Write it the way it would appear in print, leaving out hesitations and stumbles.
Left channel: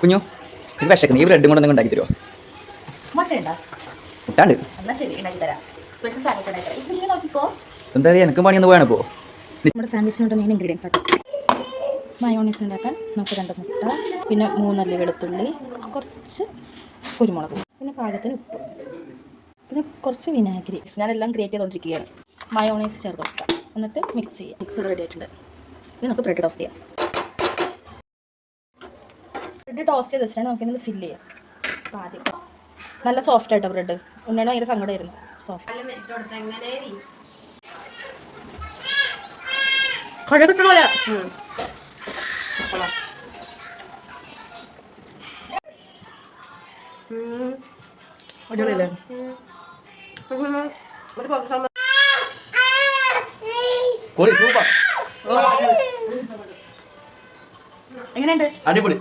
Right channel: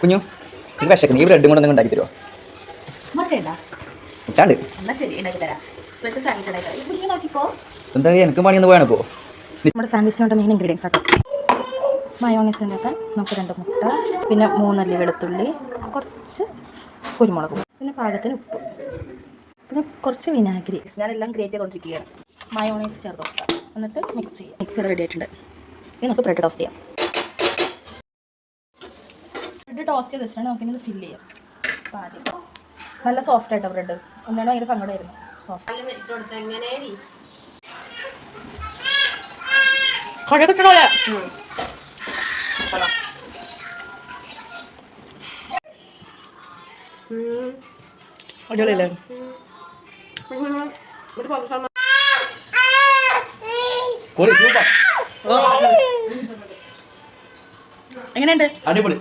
കുഞ്ഞു ഇത് വിശക്കുന്നു. ഈ ബ്രെഡും കൂടെ എന്തെങ്കിലും ഉണ്ടാക്കി തരുമോ? മുട്ടാണ്ട് എന്താ എനിക്ക് പണിയൊന്ന് പോയാണ് ഇപ്പോൾ. നമ്മുടെ സാൻഡ്വിച്ചിനോട് മെയിൻ ഇൻഗ്രീഡിയൻസ് ആട്ടോ. മയോണൈസ് ഉണ്ടാക്കാൻ നമുക്ക് 2 മുട്ട, പിന്നെ 3 അല്ലി വെളുത്തുള്ളി, കുറച്ച് കുരുമുളക്, പിന്നെ പാകത്തിന് ഉപ്പ്, പിന്നെ കുറച്ച് വിനാഗിരി. ഞാനെല്ലാം ഗ്രേറ്റ് ചെയ്തുകൊണ്ടിരിക്കുകയാണ്. മയോണൈസ് ചേർത്ത് വെക്കാം. എന്നിട്ട് മിക്സ് ചെയ്യാം. മിക്സ് റെഡി ആയിട്ടുണ്ട്. ഇനി നമുക്ക് ബ്രെഡ് ടോസ്റ്റ് ചെയ്യാം. ബ്രെഡ് ടോസ്റ്റ് ചെയ്ത് വെച്ചിട്ടാണ് നമുക്കിത് ഫില്ല് ചെയ്യാം. അപ്പോൾ ആദ്യം നല്ല സോഫ്റ്റ് ആയിട്ടോ ബ്രെഡ്. ഉണ്ണാണ് ഭയങ്കര സങ്കടമായിരുന്നു. സോഫ്റ്റ് കട കിട്ടണോല്ലേ? അടിപൊളിയല്ലേ? എങ്ങനെയുണ്ട്? അടിപൊളി.